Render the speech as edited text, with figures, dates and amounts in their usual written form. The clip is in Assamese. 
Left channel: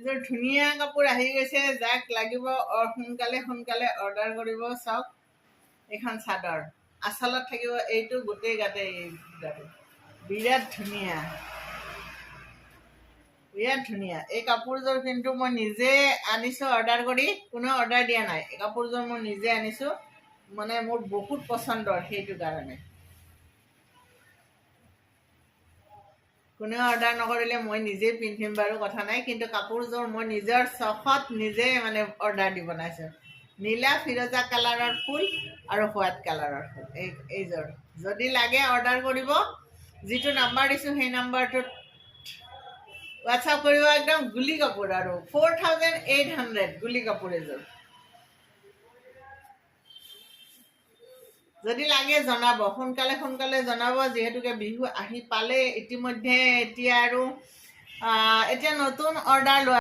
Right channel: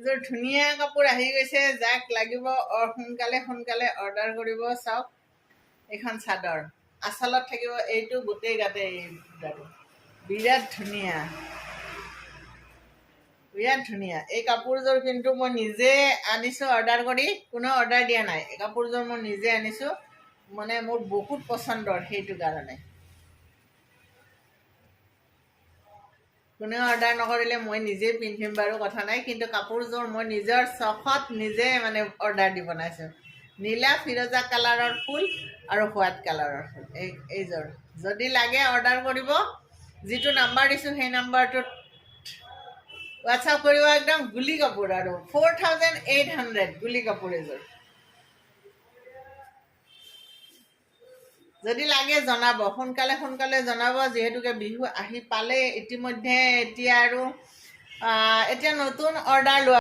এযোৰ ধুনীয়া কাপোৰ আহি গৈছে, যাক লাগিব সোনকালে সোনকালে অৰ্ডাৰ কৰিব। চাওক, এইখন চাদৰ আচলত থাকিব এইটো গোটেই গাতে, বিৰাট ধুনীয়া, বিৰাট ধুনীয়া। এই কাপোৰযোৰ কিন্তু মই নিজে আনিছোঁ অৰ্ডাৰ কৰি, কোনেও অৰ্ডাৰ দিয়া নাই। এই কাপোৰযোৰ মই নিজে আনিছোঁ, মানে মোৰ বহুত পচন্দৰ, সেইটো কাৰণে। কোনেও অৰ্ডাৰ নকৰিলে মই নিজেই পিন্ধিম বাৰু, কথা নাই, কিন্তু কাপোৰযোৰ মই নিজৰ চখত নিজে মানে অৰ্ডাৰ দি বনাইছোঁ। নীলা ফিৰোজা কালাৰৰ ফুল আৰু হোৱাইট কালাৰৰ ফুল, এইযোৰ যদি লাগে অৰ্ডাৰ কৰিব। যিটো নাম্বাৰ দিছোঁ সেই নাম্বাৰটোত হোৱাটছআপ কৰিব। একদম গুলি কাপোৰ আৰু 4800 গুলি কাপোৰ এযোৰ। যদি লাগে জনাব, সোনকালে সোনকালে জনাব, যিহেতুকে বিহু আহি পালে ইতিমধ্যে। এতিয়া আৰু এতিয়া নতুন অৰ্ডাৰ লোৱা